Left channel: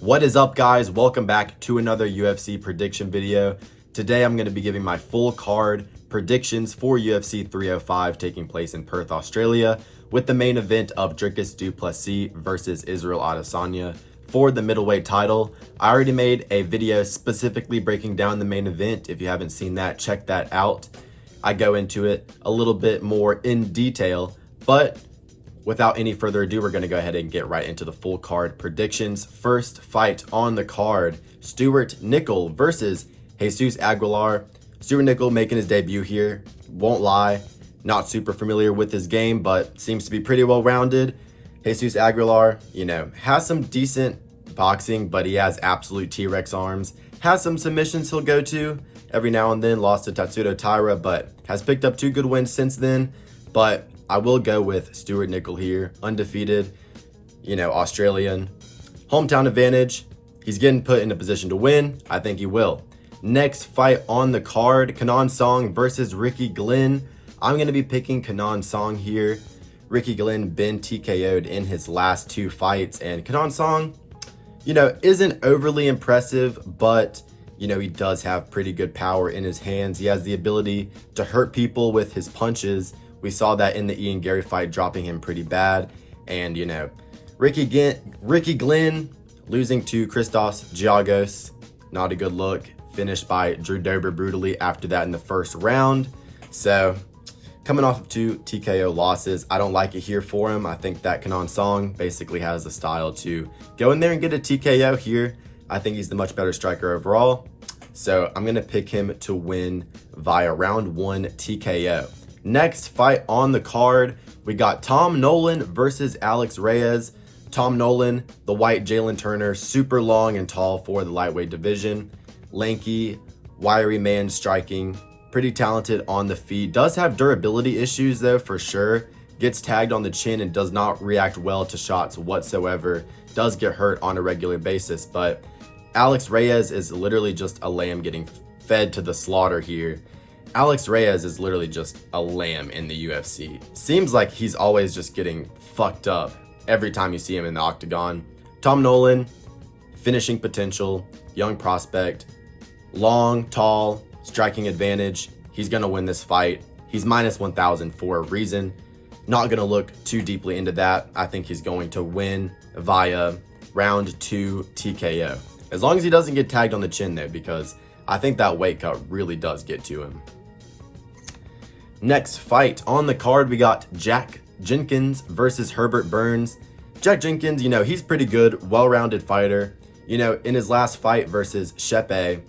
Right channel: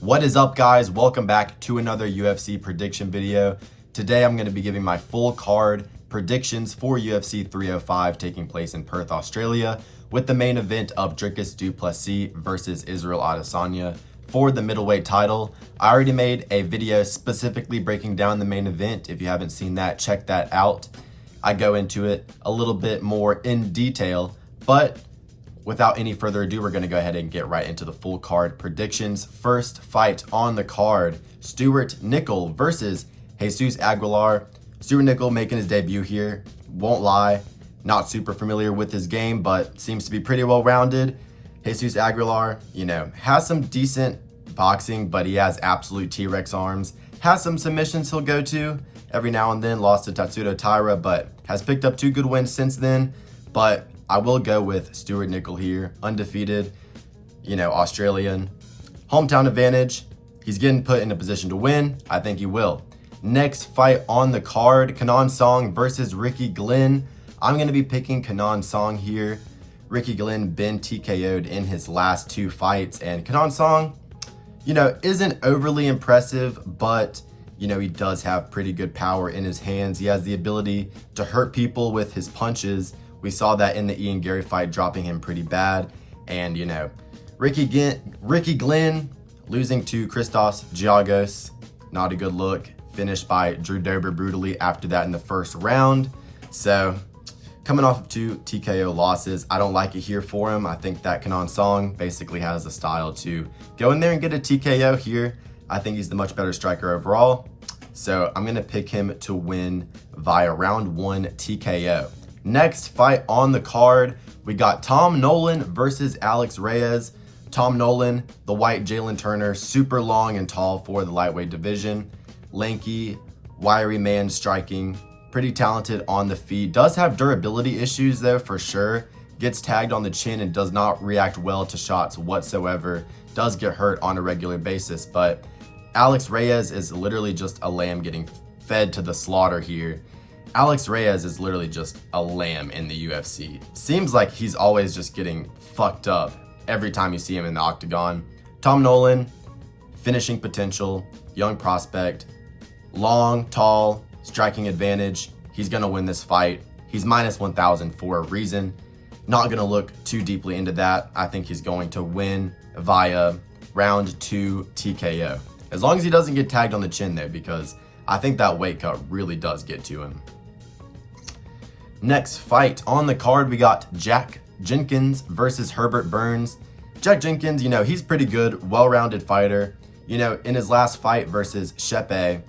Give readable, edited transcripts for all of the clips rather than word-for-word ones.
What is up, guys? Welcome back to another UFC prediction video. Today I'm going to be giving my full card predictions for UFC 305 taking place in Perth, Australia, with the main event of duplessis versus Israel Adesanya for the middleweight title. I already made a video specifically breaking down the main event. If you haven't seen that, check that out. I go into it a little bit more in detail, but without any further ado, we're going to go ahead and get right into the full card predictions. First fight on the card, Stuart Nickel versus Jesus Aguilar. Stuart Nickel making his debut here. Won't lie, not super familiar with his game, but seems to be pretty well-rounded. Jesus Aguilar, has some decent boxing, but he has absolute T-Rex arms. Has some submissions he'll go to every now and then. Lost to Tatsuto Taira, but has picked up 2 good wins since then. But I will go with Stuart Nickel here, undefeated, Australian. Hometown advantage. He's getting put in a position to win. I think he will. Next fight on the card, Kenan Song versus Ricky Glenn. I'm going to be picking Kenan Song here. Ricky Glenn been TKO'd in his last 2 fights, and Kenan Song, isn't overly impressive, but he does have pretty good power in his hands. He has the ability to hurt people with his punches. We saw that in the Ian Gary fight, dropping him pretty bad. And, Ricky Glenn losing to Christos Giagos, not a good look. Finished by Drew Dober brutally after that in the first round. So, coming off of 2 TKO losses, I don't like it here for him. I think that Kenan Song basically has the style to go in there and get a TKO here. I think he's the much better striker overall. So, I'm going to pick him to win via round 1 TKO. Next fight on the card, we got Tom Nolan versus Alex Reyes. Tom Nolan, the white Jalen Turner, super long and tall for the lightweight division. Lanky, wiry man striking, pretty talented on the feet. Does have durability issues though, for sure. Gets tagged on the chin and does not react well to shots whatsoever. Does get hurt on a regular basis, but Alex Reyes is literally just a lamb getting fed to the slaughter here. Alex Reyes is literally just a lamb in the UFC. Seems like he's always just getting fucked up every time you see him in the octagon. Tom Nolan, finishing potential, young prospect, long, tall, striking advantage. He's going to win this fight. He's minus 1,000 for a reason. Not going to look too deeply into that. I think he's going to win via round 2 TKO. As long as he doesn't get tagged on the chin though, because I think that weight cut really does get to him. Next fight on the card, we got Jack Jenkins versus Herbert Burns. Jack Jenkins, he's pretty good, well-rounded fighter. In his last fight versus Shepe,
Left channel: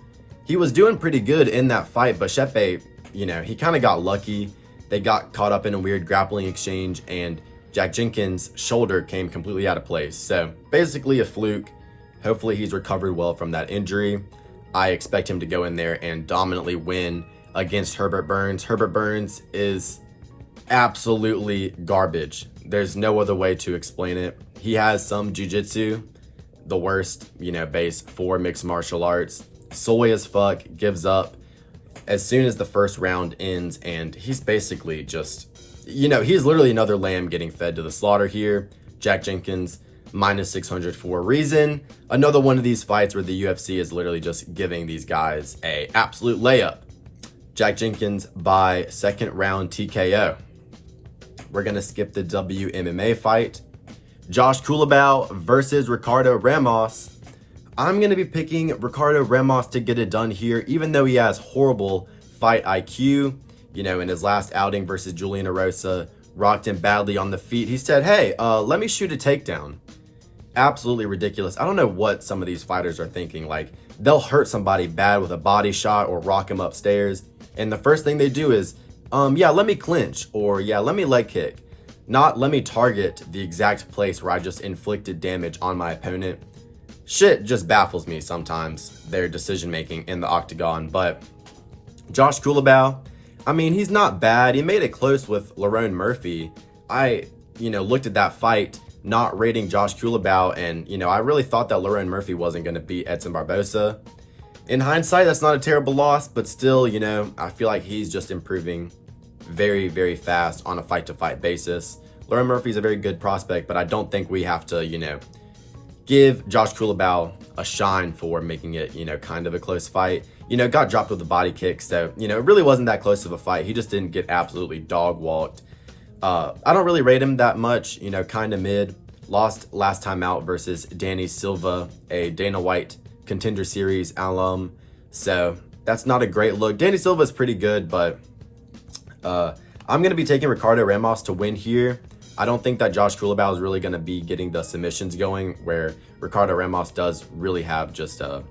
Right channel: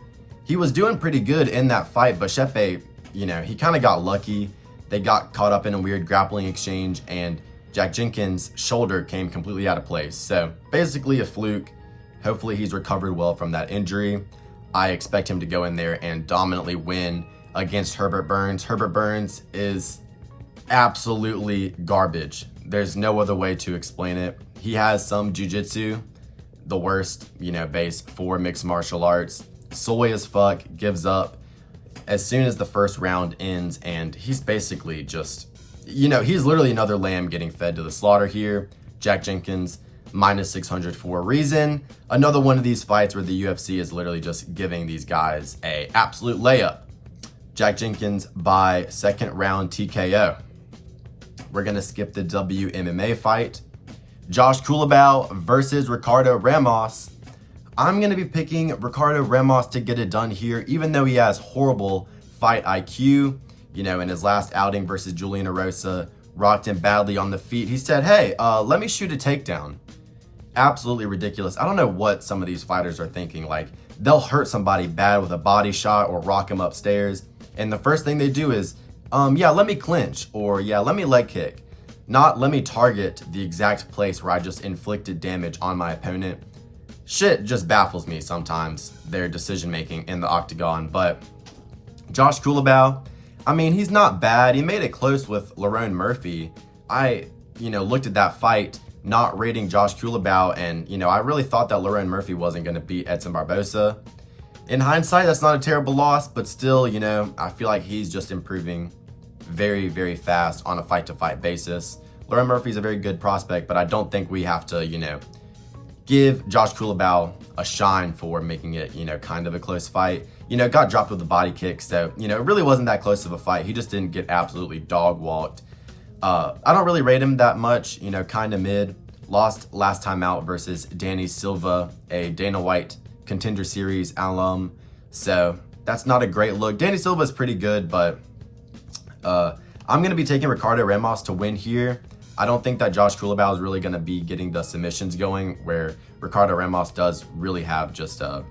he was doing pretty good in that fight, but Shepe, he kind of got lucky. They got caught up in a weird grappling exchange, and Jack Jenkins' shoulder came completely out of place. So basically a fluke. Hopefully he's recovered well from that injury. I expect him to go in there and dominantly win against Herbert Burns. Herbert Burns is absolutely garbage. There's no other way to explain it. He has some jiu-jitsu, the worst, base for mixed martial arts. Soy as fuck, gives up as soon as the first round ends, and he's basically just, he's literally another lamb getting fed to the slaughter here. Jack Jenkins, minus 600 for a reason. Another one of these fights where the UFC is literally just giving these guys a absolute layup. Jack Jenkins by 2nd round TKO. We're going to skip the WMMA fight. Josh Culibao versus Ricardo Ramos. I'm going to be picking Ricardo Ramos to get it done here, even though he has horrible fight IQ. In his last outing versus Julian Erosa, rocked him badly on the feet. He said, hey, let me shoot a takedown. Absolutely ridiculous. I don't know what some of these fighters are thinking. Like, they'll hurt somebody bad with a body shot or rock him upstairs, and the first thing they do is, let me clinch, or let me leg kick. Not let me target the exact place where I just inflicted damage on my opponent. Shit just baffles me sometimes, their decision making in the octagon. But Josh Culibao, he's not bad. He made it close with Lerone Murphy. I, looked at that fight, not rating Josh Culibao, and, I really thought that Lerone Murphy wasn't going to beat Edson Barbosa. In hindsight, that's not a terrible loss, but still, I feel like he's just improving very, very fast on a fight-to-fight basis. Lerone Murphy's a very good prospect, but I don't think we have to, give Josh Culibao a shine for making it, kind of a close fight. Got dropped with a body kick, so, it really wasn't that close of a fight. He just didn't get absolutely dog walked. I don't really rate him that much, kind of mid. Lost last time out versus Danny Silva, a Dana White Contender Series alum. So that's not a great look. Danny Silva is pretty good, but I'm going to be taking Ricardo Ramos to win here. I don't think that Josh Culibao is really going to be getting the submissions going, where Ricardo Ramos does really have just a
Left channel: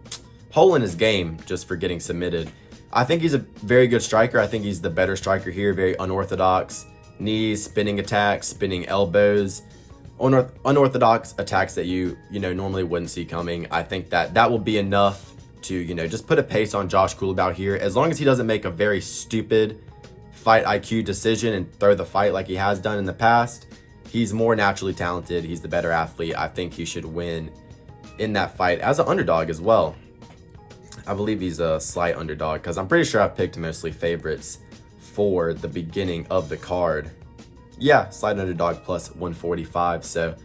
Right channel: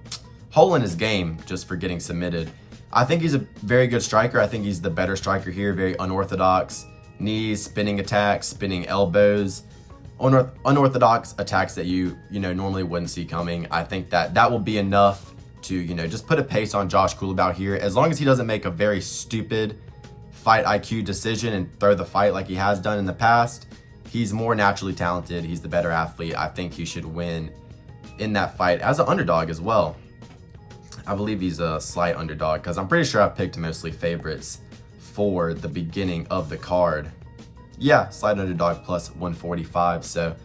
hole in his game just for getting submitted. I think he's a very good striker. I think he's the better striker here, very unorthodox. Knees, spinning attacks, spinning elbows, unorthodox attacks that you normally wouldn't see coming. I think that will be enough to, just put a pace on Josh Culibao here. As long as he doesn't make a very stupid fight IQ decision and throw the fight like he has done in the past. He's more naturally talented. He's the better athlete. I think he should win in that fight as an underdog as well. I believe he's a slight underdog because I'm pretty sure I've picked mostly favorites for the beginning of the card. Yeah, slight underdog plus 145. So,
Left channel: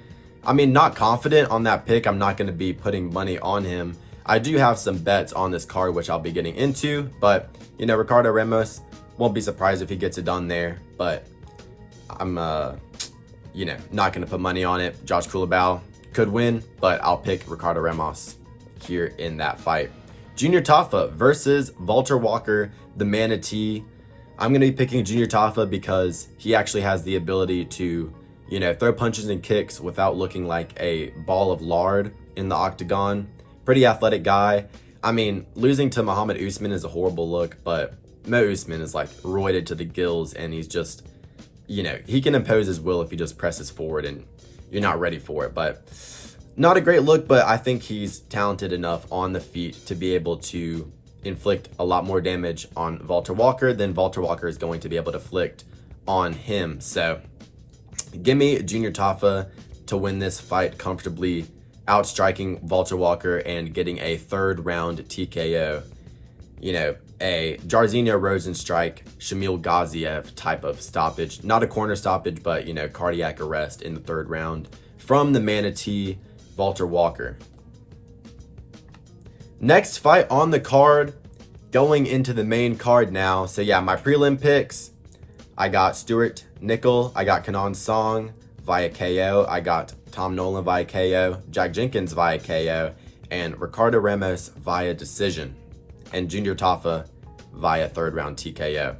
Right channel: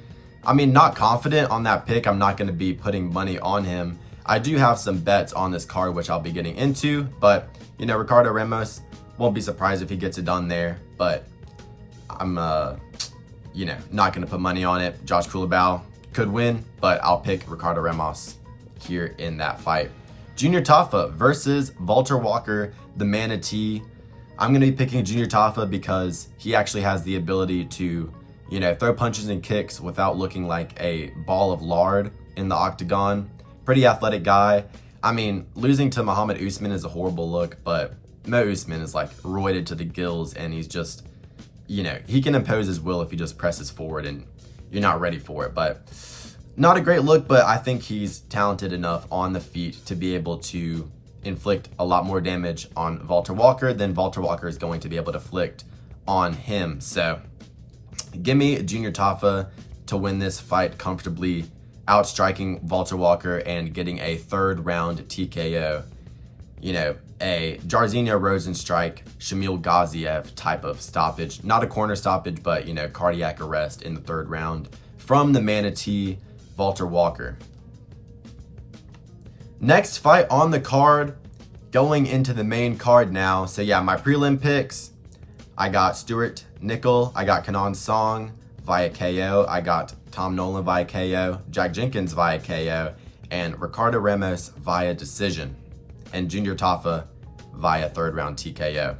not confident on that pick. I'm not going to be putting money on him. I do have some bets on this card, which I'll be getting into. But, Ricardo Ramos, won't be surprised if he gets it done there. But I'm, not going to put money on it. Josh Culibao could win, but I'll pick Ricardo Ramos here in that fight. Junior Tafa versus Walter Walker, the Manatee. I'm going to be picking Junior Tafa because he actually has the ability to, throw punches and kicks without looking like a ball of lard in the octagon. Pretty athletic guy. Losing to Muhammad Usman is a horrible look, but Mo Usman is like roided to the gills, and he's just, he can impose his will if he just presses forward and you're not ready for it. But not a great look, but I think he's talented enough on the feet to be able to inflict a lot more damage on Walter Walker than Walter Walker is going to be able to inflict on him. So give me Junior Tafa to win this fight comfortably, outstriking Walter Walker and getting a third round TKO. A Jairzinho Rosenstrike, Shamil Gaziev type of stoppage. Not a corner stoppage, but, cardiac arrest in the third round from the Manatee, Walter Walker. Next fight on the card, going into the main card now. So yeah, my prelim picks, I got Stuart Nickel, I got Kenan Song via KO, I got Tom Nolan via KO, Jack Jenkins via KO, and Ricardo Ramos via decision, and Junior Tafa via third round TKO.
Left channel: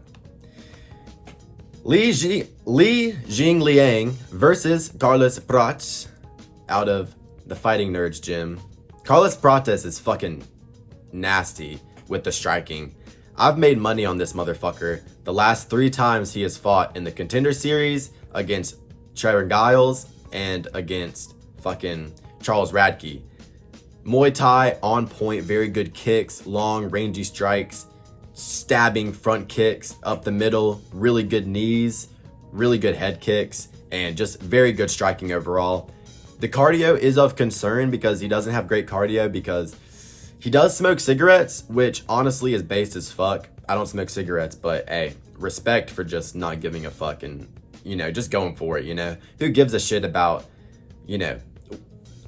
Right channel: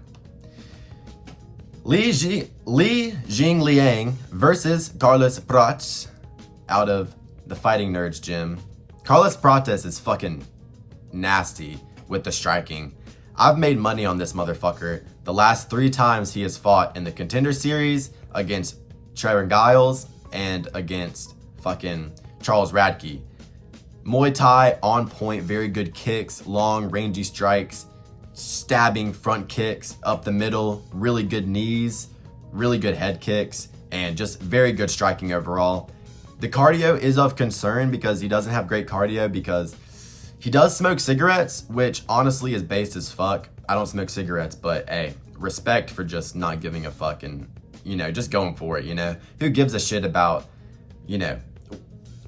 Li Jingliang versus Carlos Prates out of the Fighting Nerds gym. Carlos Prates is fucking nasty with the striking. I've made money on this motherfucker the last 3 times he has fought in the Contender Series against Trevor Giles and against fucking Charles Radke. Muay Thai on point, very good kicks, long rangy strikes, stabbing front kicks up the middle, really good knees, really good head kicks, and just very good striking overall. The cardio is of concern because he doesn't have great cardio because he does smoke cigarettes, which honestly is based as fuck. I don't smoke cigarettes, but hey, respect for just not giving a fuck and, just going for it, Who gives a shit about,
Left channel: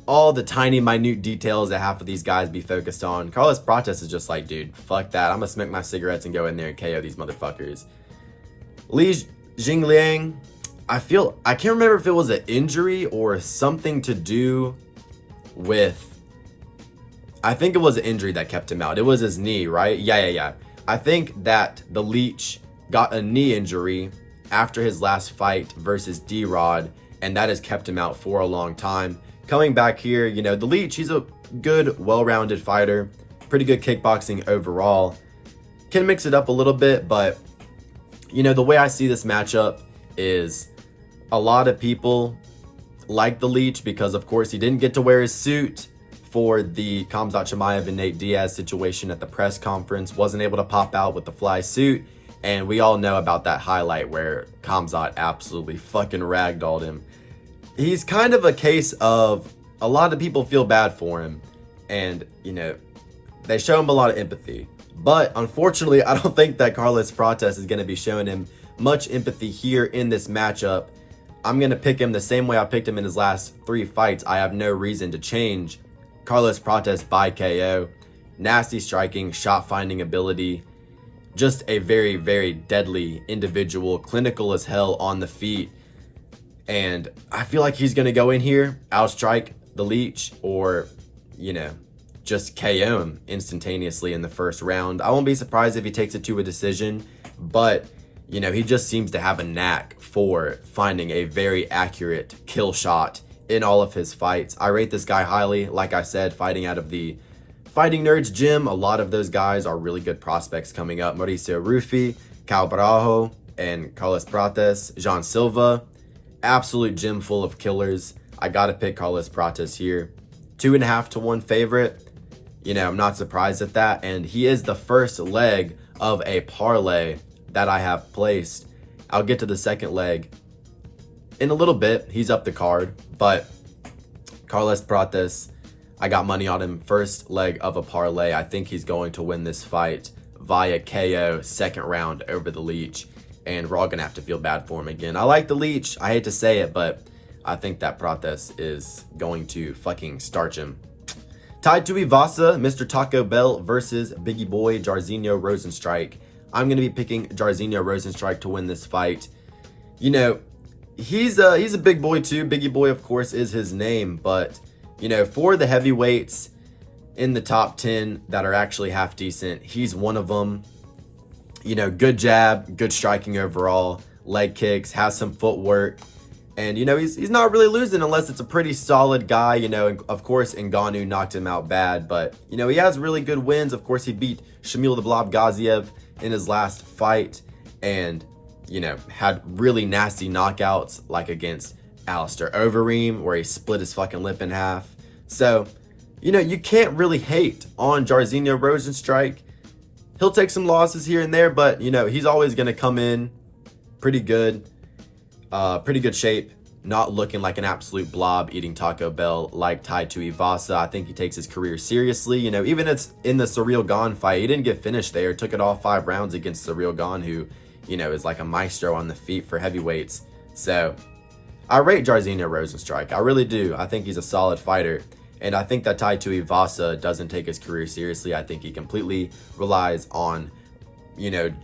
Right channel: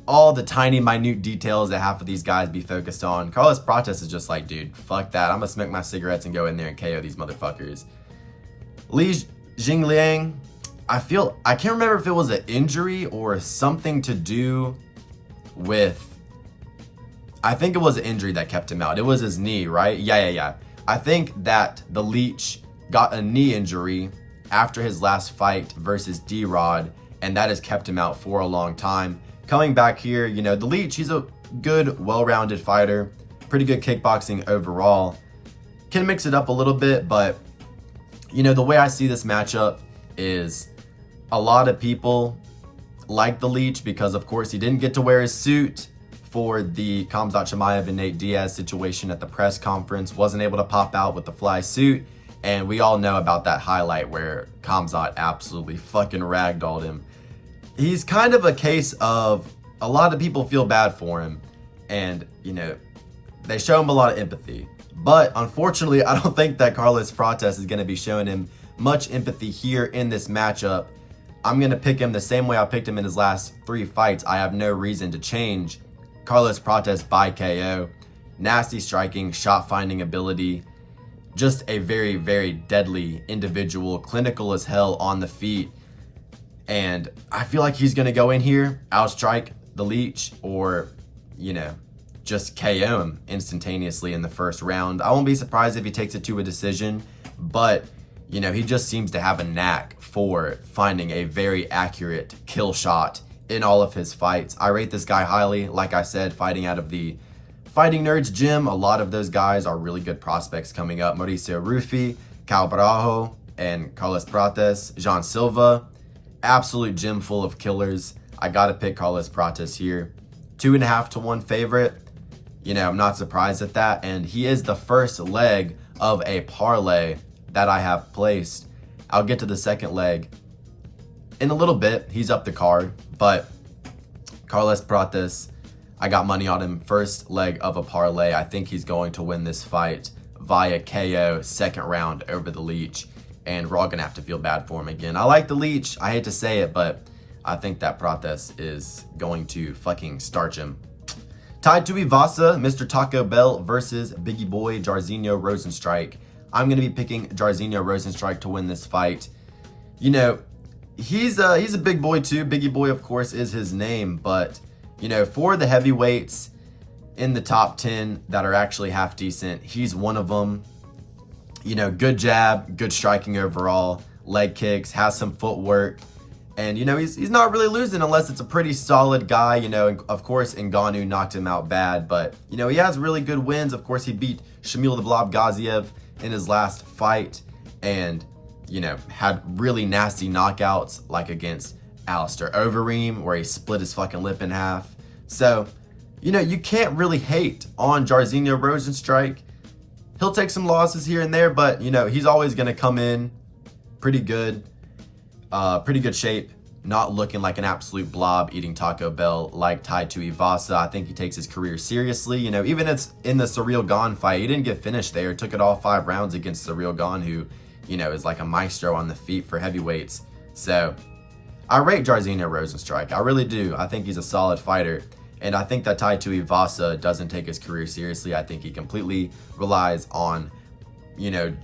all the tiny, minute details that half of these guys be focused on. Carlos Prates is just like, dude, fuck that. I'm gonna smoke my cigarettes and go in there and KO these motherfuckers. Li Jingliang, I can't remember if it was an injury or something to do with, I think it was an injury that kept him out. It was his knee, right? Yeah. I think that the Leech got a knee injury after his last fight versus D-Rod, and that has kept him out for a long time. Coming back here, the Leech, he's a good, well-rounded fighter, pretty good kickboxing overall. Can mix it up a little bit, but, the way I see this matchup is a lot of people like the Leech because, of course, he didn't get to wear his suit for the Khamzat Chimaev and Nate Diaz situation at the press conference, wasn't able to pop out with the fly suit, and we all know about that highlight where Khamzat absolutely fucking ragdolled him. He's kind of a case of a lot of people feel bad for him, and, they show him a lot of empathy. But unfortunately, I don't think that Carlos Prates is going to be showing him much empathy here in this matchup. I'm going to pick him the same way I picked him in his last 3 fights. I have no reason to change Carlos Prates by KO. Nasty striking, shot finding ability. Just a very, very deadly individual, clinical as hell on the feet. And I feel like he's going to go in here, outstrike the Leech, or, just KO him instantaneously in the first round. I won't be surprised if he takes it to a decision, but, he just seems to have a knack for finding a very accurate kill shot in all of his fights. I rate this guy highly. Like I said, fighting out of the Fighting Nerds gym, a lot of those guys are really good prospects coming up. Mauricio Rufy, Cal Barajo, and Carlos Prates, Jean Silva. Absolute gym full of killers. I gotta pick Carlos Prates here. 2.5 to 1 favorite. I'm not surprised at that. And he is the first leg of a parlay that I have placed. I'll get to the second leg in a little bit. He's up the card, but Carlos Prates, I got money on him. First leg of a parlay. I think he's going to win this fight via KO, second round over the Leech. And we're all going to have to feel bad for him again. I like the Leech. I hate to say it, but I think that Prates is going to fucking starch him. Tied to Ivasa, Mr. Taco Bell versus Biggie Boy Jairzinho Rozenstruik. I'm going to be picking Jairzinho Rozenstruik to win this fight. He's a big boy too. Biggie Boy, of course, is his name. But, for the heavyweights in the top 10 that are actually half decent, he's one of them. Good jab, good striking overall, leg kicks, has some footwork. And, he's not really losing unless it's a pretty solid guy. And of course, Ngannou knocked him out bad. But, he has really good wins. Of course, he beat Shamil the Blob Gaziev in his last fight. And, had really nasty knockouts like against Alistair Overeem, where he split his fucking lip in half. So, you can't really hate on Jairzinho Rozenstruik. He'll take some losses here and there, but, he's always going to come in pretty good shape, not looking like an absolute blob eating Taco Bell like tied to Ivasa. I think he takes his career seriously. Even it's in the Surreal Gone fight, he didn't get finished there. Took it all 5 rounds against Surreal Gone, who, is like a maestro on the feet for heavyweights. So I rate Jairzinho Rozenstruik. I really do. I think he's a solid fighter. And I think that tied to Ivasa doesn't take his career seriously. I think he completely relies on,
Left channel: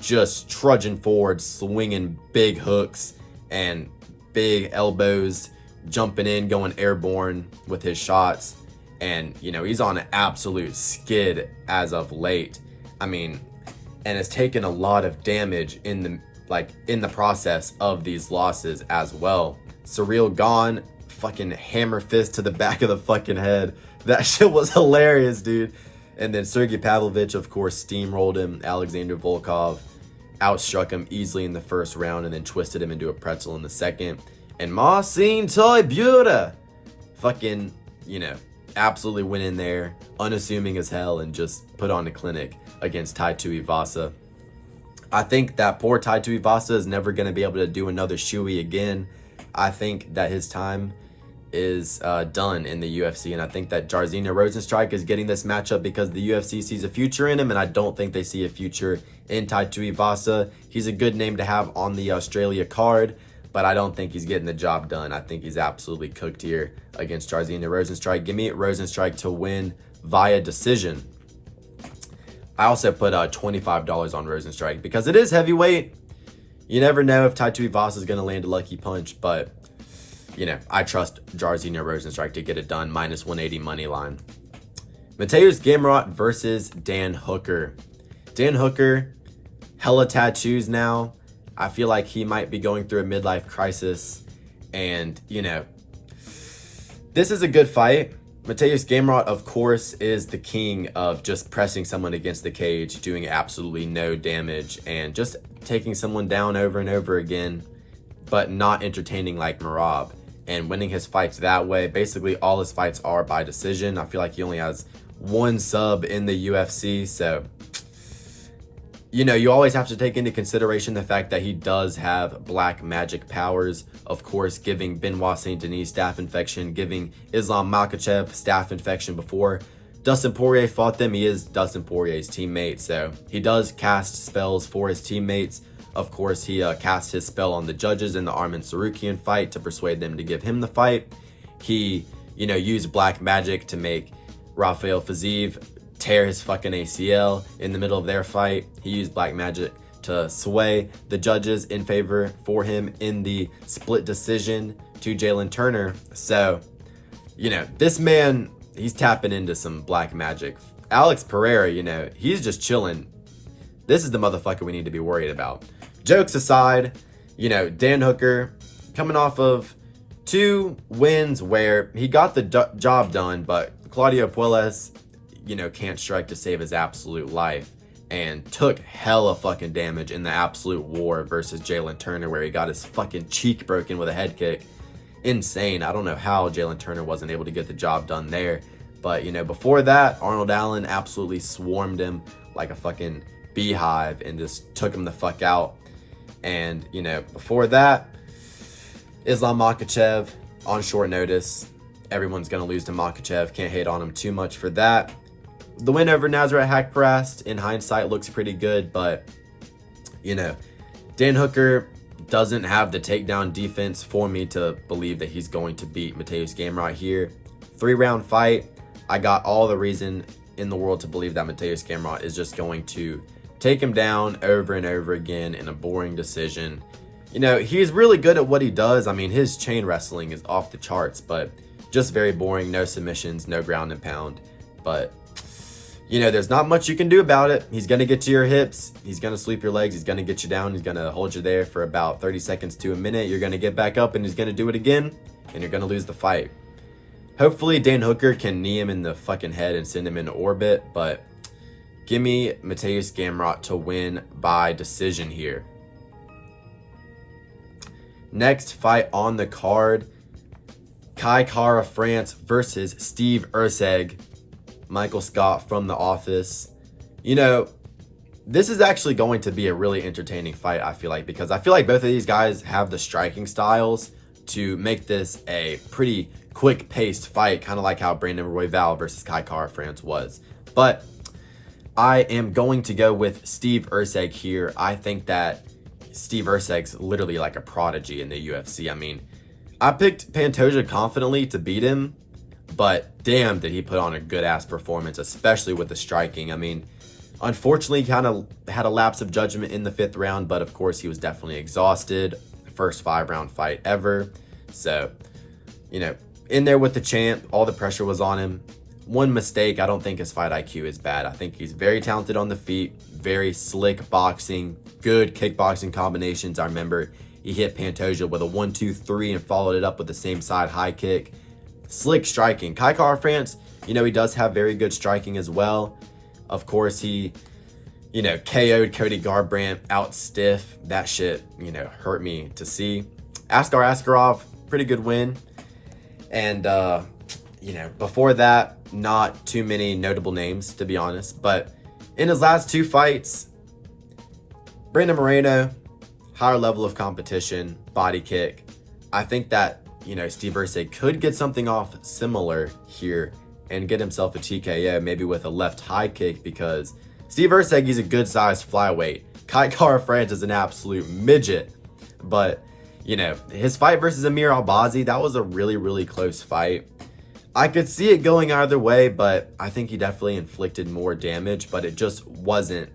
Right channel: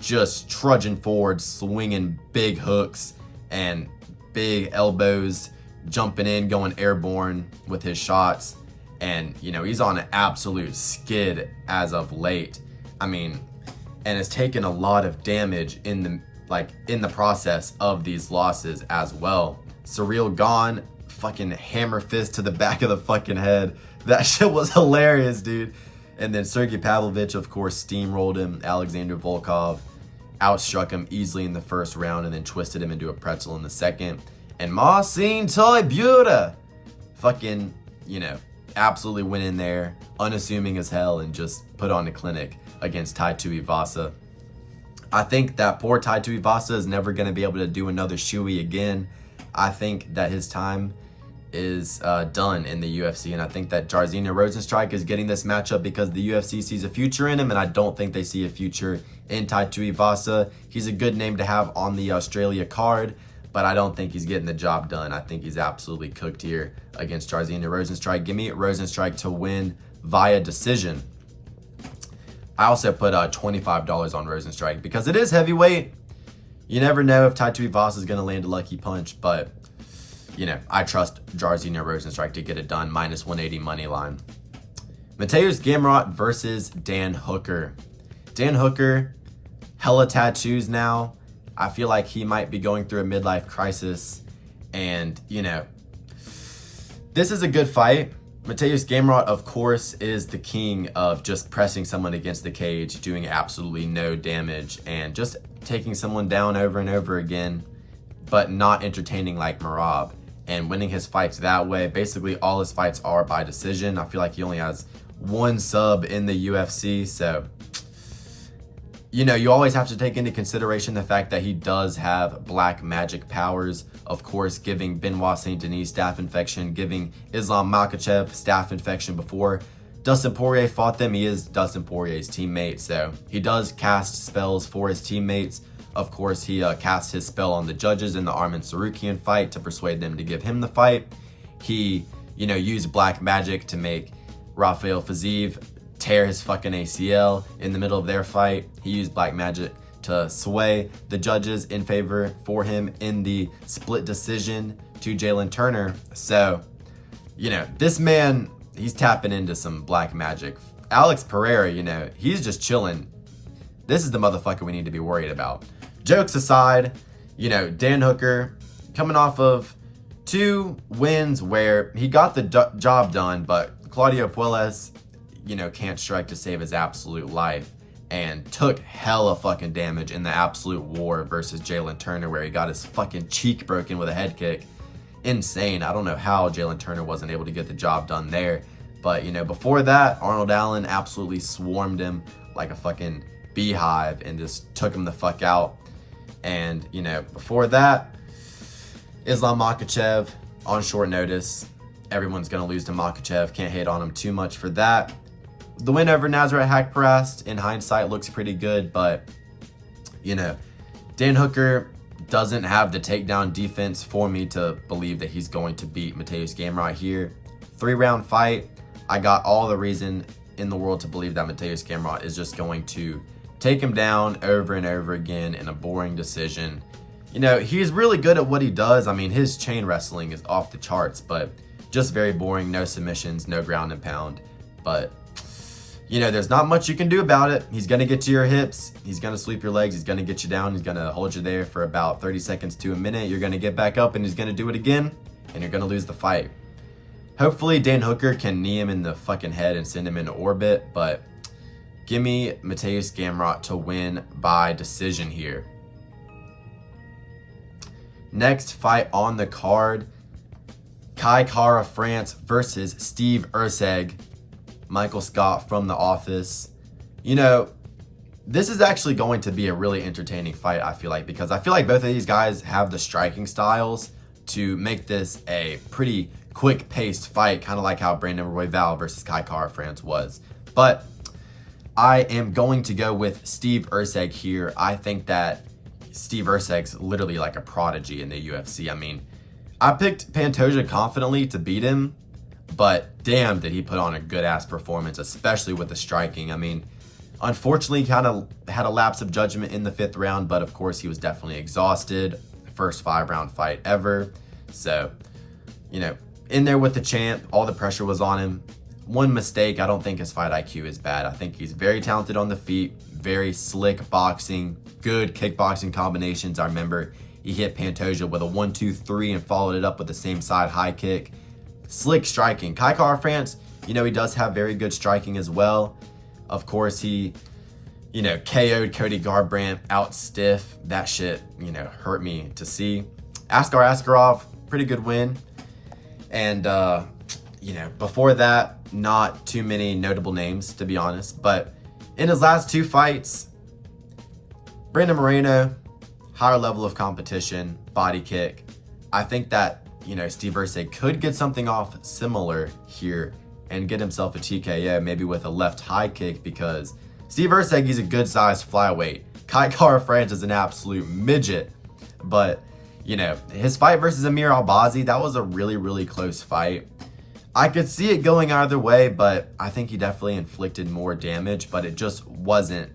just trudging forward, swinging big hooks and big elbows, jumping in, going airborne with his shots. And, he's on an absolute skid as of late. And has taken a lot of damage in the process of these losses as well. Surreal Gone, fucking hammer fist to the back of the fucking head. That shit was hilarious, dude. And then Sergey Pavlovich, of course, steamrolled him. Alexander Volkov outstruck him easily in the first round and then twisted him into a pretzel in the second. And Marcin Tybura fucking, absolutely went in there, unassuming as hell, and just put on a clinic against Taito Ivasa. I think that poor Taito Ivasa is never going to be able to do another shoey again. I think that his time is done in the UFC, and I think that Jairzinho Rozenstruik is getting this matchup because the UFC sees a future in him, and I don't think they see a future in Taito Ivasa. He's a good name to have on the Australia card, but I don't think he's getting the job done. I think he's absolutely cooked here against Jairzinho Rozenstruik. Give me Rozenstruik to win via decision. I also put $25 on Rozenstruik because it is heavyweight. You never know if Taito Ivasa is going to land a lucky punch, but I trust Jairzinho Rozenstruik to get it done. -180 money line. Mateusz Gamrot versus Dan Hooker. Dan Hooker, hella tattoos now. I feel like he might be going through a midlife crisis. And, this is a good fight. Mateusz Gamrot, of course, is the king of just pressing someone against the cage, doing absolutely no damage, and just taking someone down over and over again, but not entertaining like Merab. And winning his fights that way. Basically, all his fights are by decision. I feel like he only has 1 sub in the UFC. So, you always have to take into consideration the fact that he does have black magic powers. Of course, giving Benoit Saint Denis staph infection, giving Islam Makhachev staph infection before Dustin Poirier fought them. He is Dustin Poirier's teammate. So, he does cast spells for his teammates. Of course, he cast his spell on the judges in the Arman Sarukian fight to persuade them to give him the fight. He, used black magic to make Rafael Fiziev tear his fucking ACL in the middle of their fight. He used black magic to sway the judges in favor for him in the split decision to Jalen Turner. So, you know, this man, he's tapping into some black magic. Alex Pereira, you know, he's just chilling. This is the motherfucker we need to be worried about. Jokes aside, you know, Dan Hooker coming off of 2 wins where he got the job done, but Claudio Puelles, you know, can't strike to save his absolute life and took hella fucking damage in the absolute war versus Jalen Turner, where he got his fucking cheek broken with a head kick. Insane. I don't know how Jalen Turner wasn't able to get the job done there. But, you know, before that, Arnold Allen absolutely swarmed him like a fucking beehive and just took him the fuck out. And, you know, before that, Islam Makhachev on short notice. Everyone's going to lose to Makhachev. Can't hate on him too much for that. The win over Nasrat Haqparast, in hindsight, looks pretty good. But, you know, Dan Hooker doesn't have the takedown defense for me to believe that he's going to beat Mateusz Gamrot here. 3-round fight. I got all the reason in the world to believe that Mateusz Gamrot is just going to take him down over and over again in a boring decision. You know, he's really good at what he does. I mean, his chain wrestling is off the charts, but just very boring. No submissions, no ground and pound. But, you know, there's not much you can do about it. He's going to get to your hips. He's going to sweep your legs. He's going to get you down. He's going to hold you there for about 30 seconds to a minute. You're going to get back up and he's going to do it again, and you're going to lose the fight. Hopefully, Dan Hooker can knee him in the fucking head and send him into orbit, but give me Mateusz Gamrot to win by decision here. Next fight on the card, Kai Kara France versus Steve Erceg. Michael Scott from The Office. You know, this is actually going to be a really entertaining fight, I feel like, because I feel like both of these guys have the striking styles to make this a pretty quick-paced fight, kind of like how Brandon Royval versus Kai Kara France was. But I am going to go with Steve Erceg here. I think that Steve Erceg's literally like a prodigy in the UFC. I mean, I picked Pantoja confidently to beat him, but damn, did he put on a good-ass performance, especially with the striking. I mean, unfortunately, kind of had a lapse of judgment in the 5th round, but of course, he was definitely exhausted. First 5-round fight ever. So, you know, in there with the champ, all the pressure was on him. One mistake, I don't think his fight IQ is bad. I think he's very talented on the feet, very slick boxing, good kickboxing combinations. I remember he hit Pantoja with a 1-2-3 and followed it up with the same side high kick. Slick striking. Kai Kara France, you know, he does have very good striking as well. Of course, he, you know, KO'd Cody Garbrandt out stiff. That shit, you know, hurt me to see. Askar Askarov, pretty good win. And, you know, before that, not too many notable names, to be honest. But in his last 2 fights, Brandon Moreno, higher level of competition, body kick. I think that, you know, Steve Erceg could get something off similar here and get himself a TKO, maybe with a left high kick, because Steve Erceg, he's a good-sized flyweight. Kai Kara France is an absolute midget. But, you know, his fight versus Amir Albazi, that was a really, really close fight. I could see it going either way, but I think he definitely inflicted more damage, but it just wasn't.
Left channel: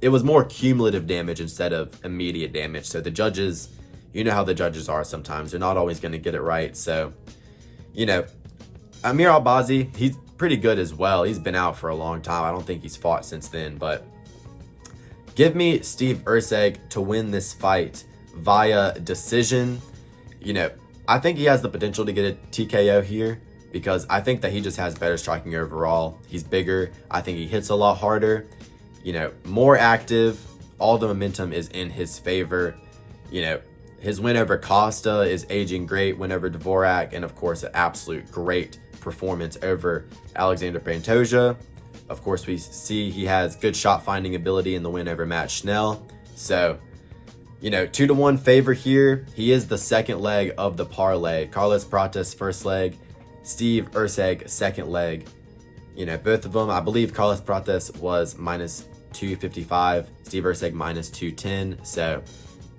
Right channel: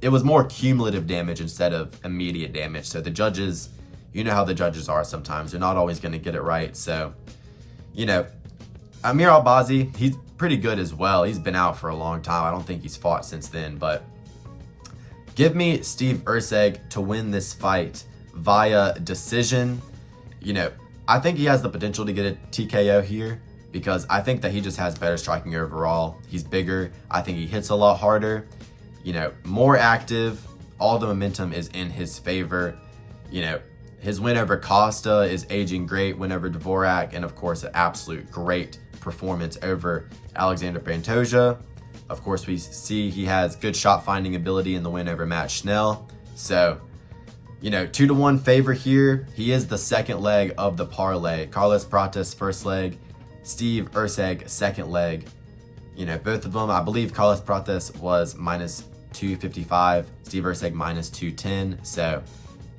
It was more cumulative damage instead of immediate damage. So the judges, you know how the judges are sometimes. They're not always going to get it right. So, you know, Amir Albazi, he's pretty good as well. He's been out for a long time. I don't think he's fought since then, but give me Steve Erceg to win this fight via decision. You know, I think he has the potential to get a TKO here because I think that he just has better striking overall. He's bigger. I think he hits a lot harder, you know, more active. All the momentum is in his favor. You know, his win over Costa is aging great, win over Dvorak, and of course, an absolute great performance over Alexander Pantoja. Of course, we see he has good shot finding ability in the win over Matt Schnell. So, you know, 2-1 favor here. He is the second leg of the parlay. Carlos Prates first leg, Steve Erceg second leg. You know, both of them, I believe Carlos Prates was minus 255, Steve Erceg minus 210. So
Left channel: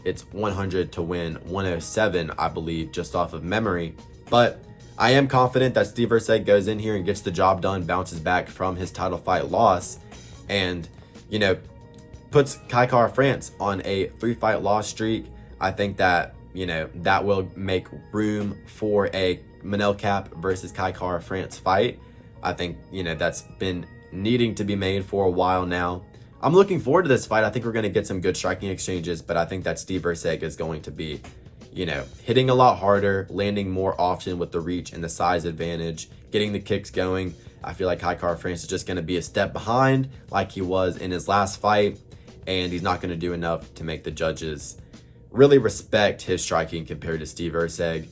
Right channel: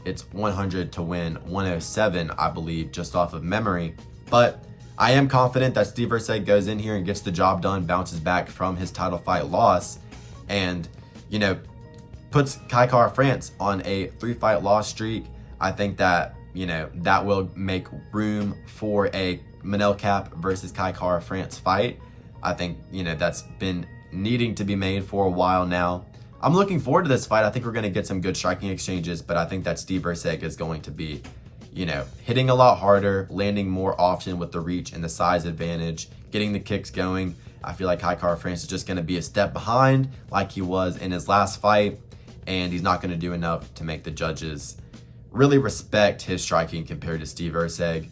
it's 100 to win 107, I believe, just off of memory. But I am confident that Steve Erceg goes in here and gets the job done, bounces back from his title fight loss, and, you know, puts Kai Kara-France on a 3-fight loss streak. I think that, you know, that will make room for a Manel Kape versus Kai Kara-France fight. I think, you know, that's been needing to be made for a while now. I'm looking forward to this fight. I think we're going to get some good striking exchanges, but I think that Steve Erceg is going to be, you know, hitting a lot harder, landing more often with the reach and the size advantage, getting the kicks going. I feel like Kai Kara-France is just going to be a step behind like he was in his last fight, and he's not going to do enough to make the judges really respect his striking compared to Steve Erceg,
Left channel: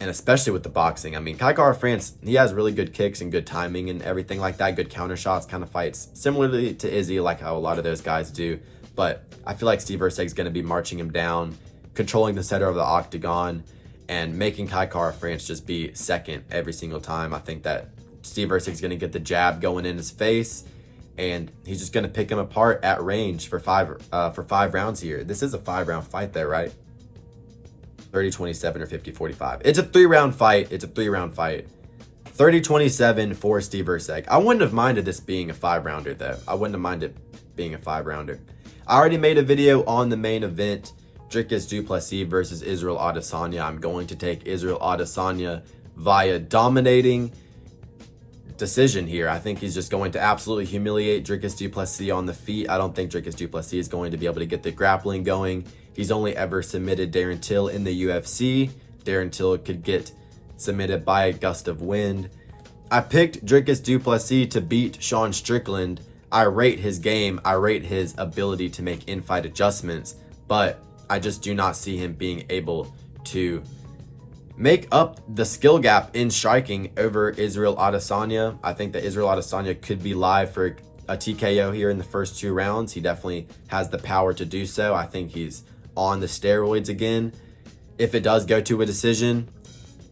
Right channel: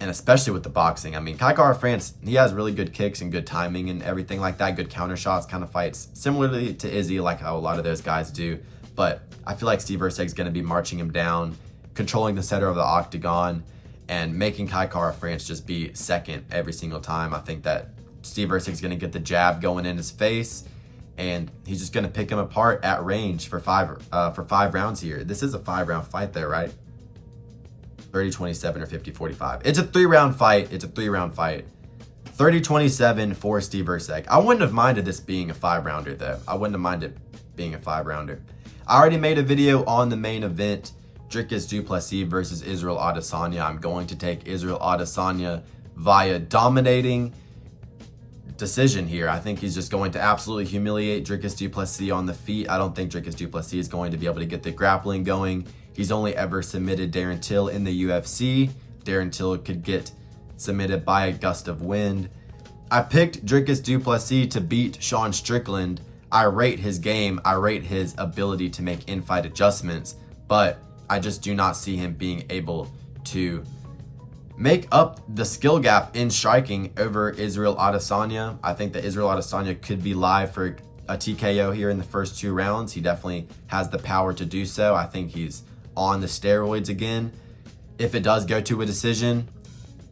and especially with the boxing. I mean, Kai Kara-France, he has really good kicks and good timing and everything like that, good counter shots, kind of fights similarly to Izzy, like how a lot of those guys do. But I feel like Steve Erceg is going to be marching him down, controlling the center of the octagon, and making Kai Kara-France just be second every single time. I think that Steve Erceg is going to get the jab going in his face, and he's just going to pick him apart at range for five rounds here. This is a 5-round fight though, right? 30-27 or 50-45. It's a 3-round fight. It's a 3-round fight. 30-27 for Steve Erceg. I wouldn't have minded this being a 5-rounder though. I wouldn't have minded being a 5-rounder. I already made a video on the main event, Dricus du Plessis versus Israel Adesanya. I'm going to take Israel Adesanya via dominating decision here. I think he's just going to absolutely humiliate Dricus du Plessis on the feet. I don't think Dricus du Plessis is going to be able to get the grappling going. He's only ever submitted Darren Till in the UFC. Darren Till could get submitted by a gust of wind. I picked Dricus du Plessis to beat Sean Strickland. I rate his game. I rate his ability to make in-fight adjustments, but I just do not see him being able to make up the skill gap in striking over Israel Adesanya. I think that Israel Adesanya could be live for a TKO here in the first 2 rounds. He definitely has the power to do so. I think he's on the steroids again. If it does go to a decision,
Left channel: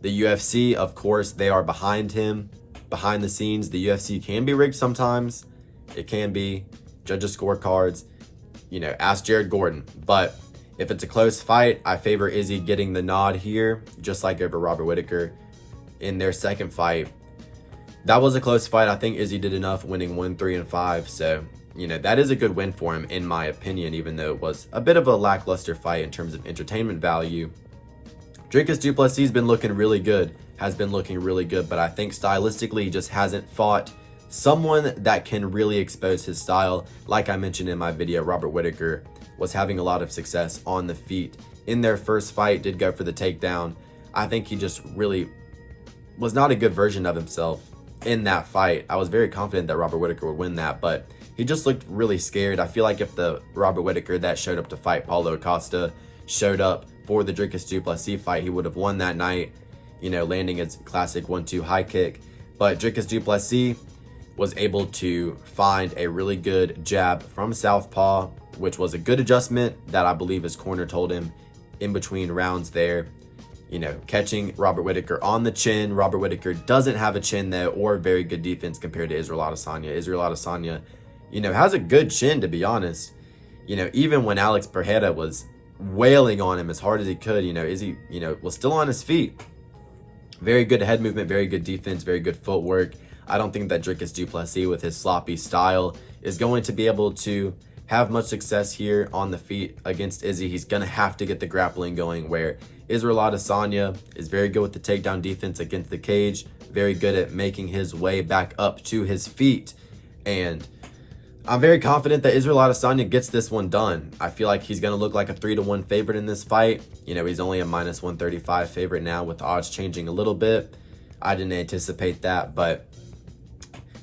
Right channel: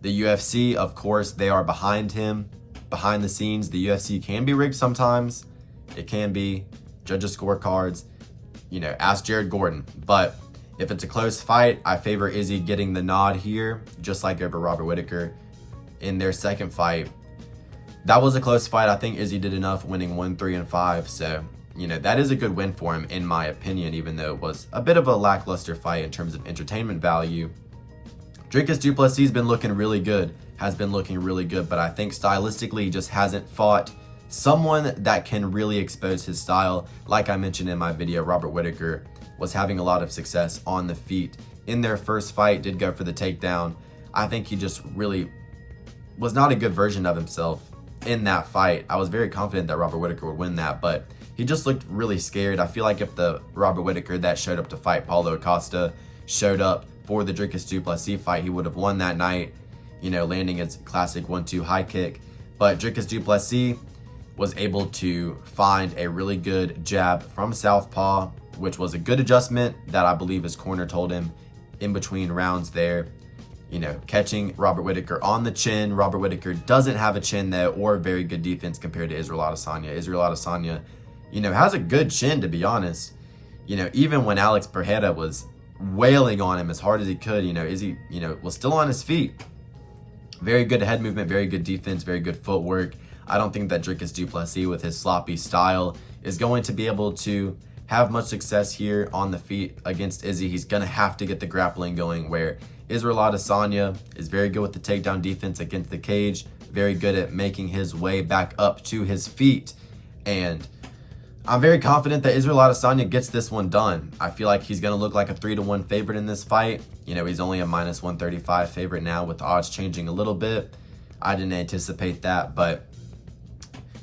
the UFC, of course, they are behind him. Behind the scenes, the UFC can be rigged sometimes. It can be. Judges' scorecards, you know, ask Jared Gordon. But if it's a close fight, I favor Izzy getting the nod here, just like over Robert Whittaker in their second fight. That was a close fight. I think Izzy did enough, winning 1-3-5. So, you know, that is a good win for him, in my opinion, even though it was a bit of a lackluster fight in terms of entertainment value. Dricus du Plessis has been looking really good, but I think stylistically he just hasn't fought someone that can really expose his style. Like I mentioned in my video, Robert Whittaker was having a lot of success on the feet in their first fight, did go for the takedown. I think he just really was not a good version of himself in that fight. I was very confident that Robert Whittaker would win that, but he just looked really scared. I feel like if the Robert Whittaker that showed up to fight Paulo Costa showed up for the Dricus du Plessis fight, he would have won that night, you know, landing his classic 1-2 high kick. But Dricus du Plessis was able to find a really good jab from southpaw, which was a good adjustment that I believe his corner told him in between rounds there. You know, catching Robert Whittaker on the chin. Robert Whittaker doesn't have a chin though, or very good defense compared to Israel Adesanya. Israel Adesanya, you know, has a good chin, to be honest. You know, even when Alex Pereira was wailing on him as hard as he could, you know, Izzy, you know, was still on his feet. Very good head movement, very good defense, very good footwork. I don't think that Dricus du Plessis, with his sloppy style, is going to be able to have much success here on the feet against Izzy. He's going to have to get the grappling going, where Israel Adesanya is very good with the takedown defense against the cage, very good at making his way back up to his feet. And I'm very confident that Israel Adesanya gets this one done. I feel like he's going to look like a 3-1 favorite in this fight. You know, he's only a -135 favorite now, with the odds changing a little bit. I didn't anticipate that, but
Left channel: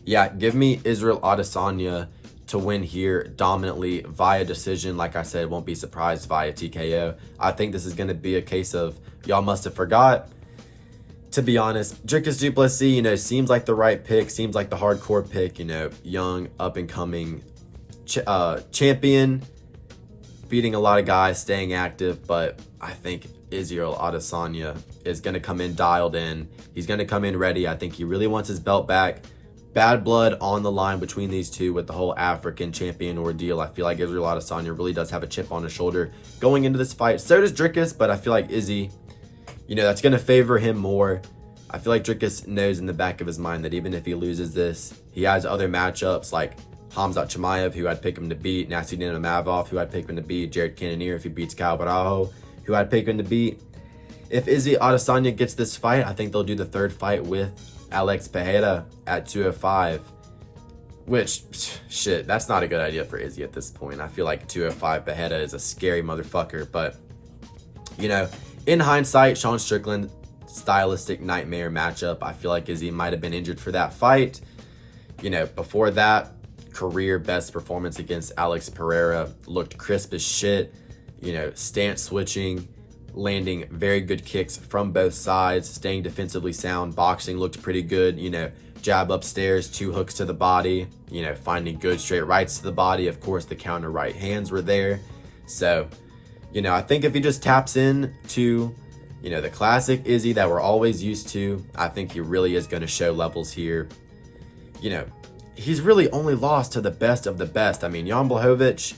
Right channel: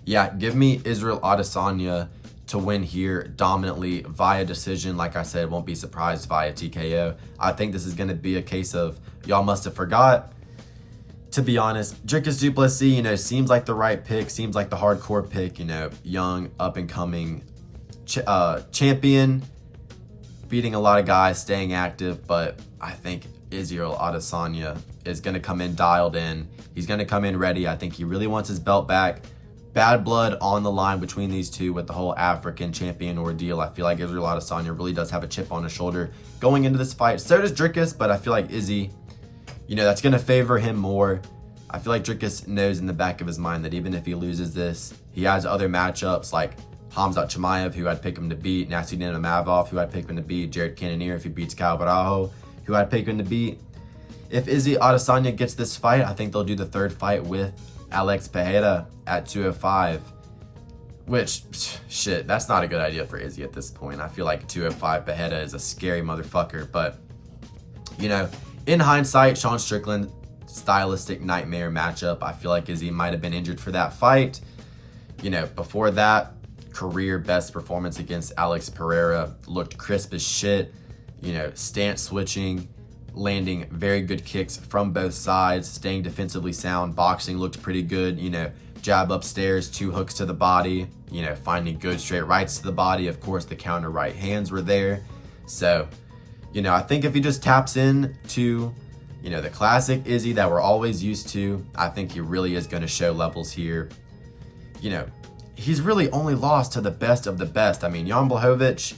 yeah, give me Israel Adesanya to win here dominantly via decision. Like I said, won't be surprised via TKO. I think this is going to be a case of y'all must have forgot. To be honest, Dricus du Plessis, you know, seems like the right pick, seems like the hardcore pick, you know, young, up-and-coming champion, beating a lot of guys, staying active, but I think Israel Adesanya is going to come in dialed in. He's going to come in ready. I think he really wants his belt back. Bad blood on the line between these two with the whole African champion ordeal. I feel like Israel Adesanya really does have a chip on his shoulder going into this fight. So does Dricus, but I feel like Izzy, you know, that's going to favor him more. I feel like Dricus knows in the back of his mind that even if he loses this, he has other matchups like Hamzat Chimaev, who I'd pick him to beat, Nasruddin Imavov, who I'd pick him to beat, Jared Cannonier if he beats Kyle Barajo, who I'd pick him to beat. If Izzy Adesanya gets this fight, I think they'll do the third fight with Alex Pereira at 205. Which, shit, that's not a good idea for Izzy at this point. I feel like 205 Pereira is a scary motherfucker. But, you know, in hindsight, Sean Strickland, stylistic nightmare matchup. I feel like Izzy might have been injured for that fight. You know, before that, career best performance against Alex Pereira. Looked crisp as shit. You know, stance switching, landing very good kicks from both sides, staying defensively sound. Boxing looked pretty good. You know, jab upstairs, 2 hooks to the body, you know, finding good straight rights to the body. Of course, the counter right hands were there. So, you know, I think if he just taps in to, you know, the classic Izzy that we're always used to, I think he really is going to show levels here. You know, he's really only lost to the best of the best. I mean, Jan Blachowicz,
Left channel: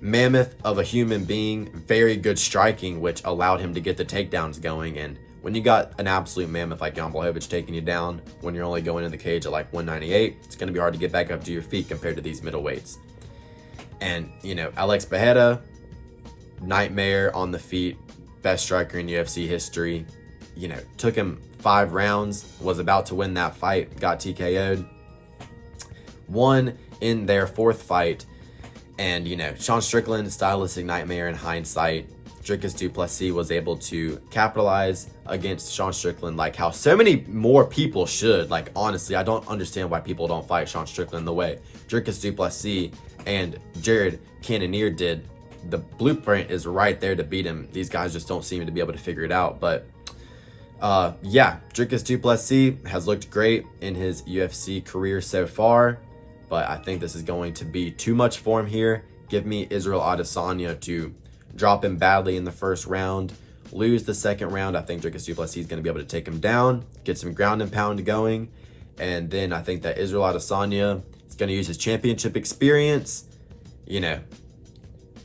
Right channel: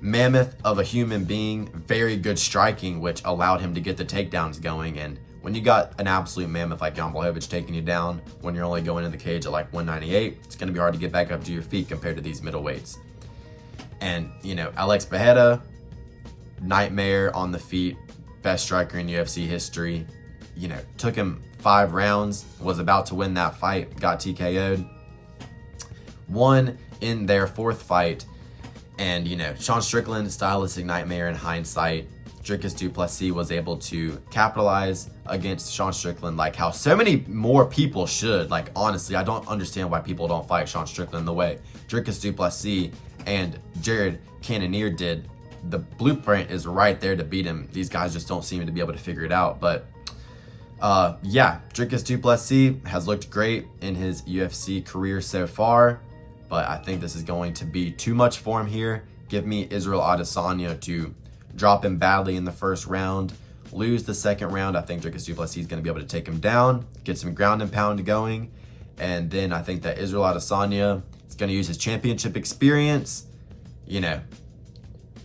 mammoth of a human being, very good striking, which allowed him to get the takedowns going. And when you got an absolute mammoth like Jan Blachowicz taking you down when you're only going in the cage at like 198, it's going to be hard to get back up to your feet compared to these middleweights. And, you know, Alex Pereira, nightmare on the feet, best striker in UFC history. You know, took him 5 rounds, was about to win that fight, got TKO'd. Won in their 4th fight. And, you know, Sean Strickland, stylistic nightmare in hindsight. Dricus duplessis was able to capitalize against Sean Strickland like how so many more people should. Like, honestly, I don't understand why people don't fight Sean Strickland the way Dricus duplessis and Jared Cannonier did. The blueprint is right there to beat him. These guys just don't seem to be able to figure it out. But, yeah, Dricus duplessis has looked great in his UFC career so far. But I think this is going to be too much for him here. Give me Israel Adesanya to drop him badly in the first round, lose the second round. I think Dricus duplessis is going to be able to take him down, get some ground and pound going. And then I think that Israel Adesanya is going to use his championship experience, you know,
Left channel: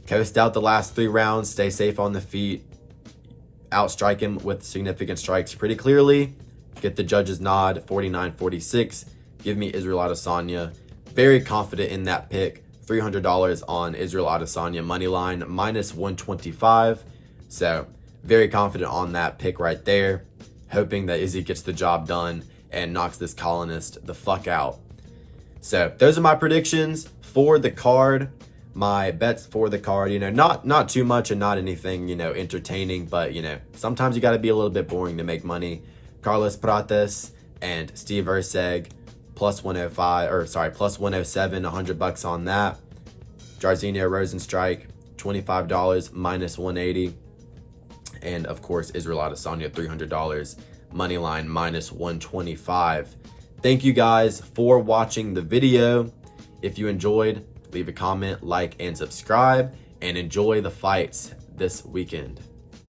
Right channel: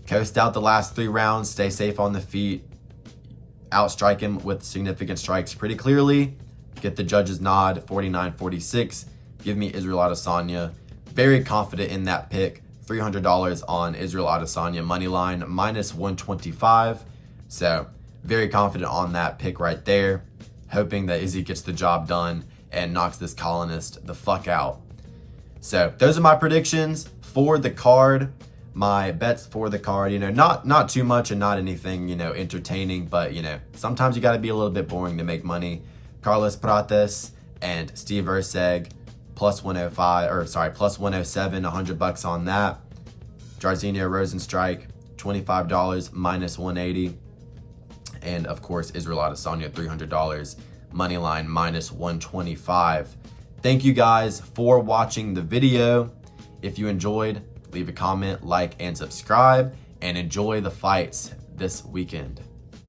coast out the last 3 rounds, stay safe on the feet, outstrike him with significant strikes pretty clearly, get the judge's nod, 49-46. Give me Israel Adesanya. Very confident in that pick. $300 on Israel Adesanya money line, -125. So very confident on that pick right there. Hoping that Izzy gets the job done and knocks this colonist the fuck out. So those are my predictions for the card. My bets for the card, you know, not too much and not anything, you know, entertaining, but, you know, sometimes you got to be a little bit boring to make money. Carlos Prates and Steve Erceg, plus 105, or sorry, plus 107, $100 on that. Jairzinho Rosenstrike, $25, -180. And of course, Israel Adesanya, $300, money line, -125. Thank you guys for watching the video. If you enjoyed, leave a comment, like, and subscribe, and enjoy the fights this weekend.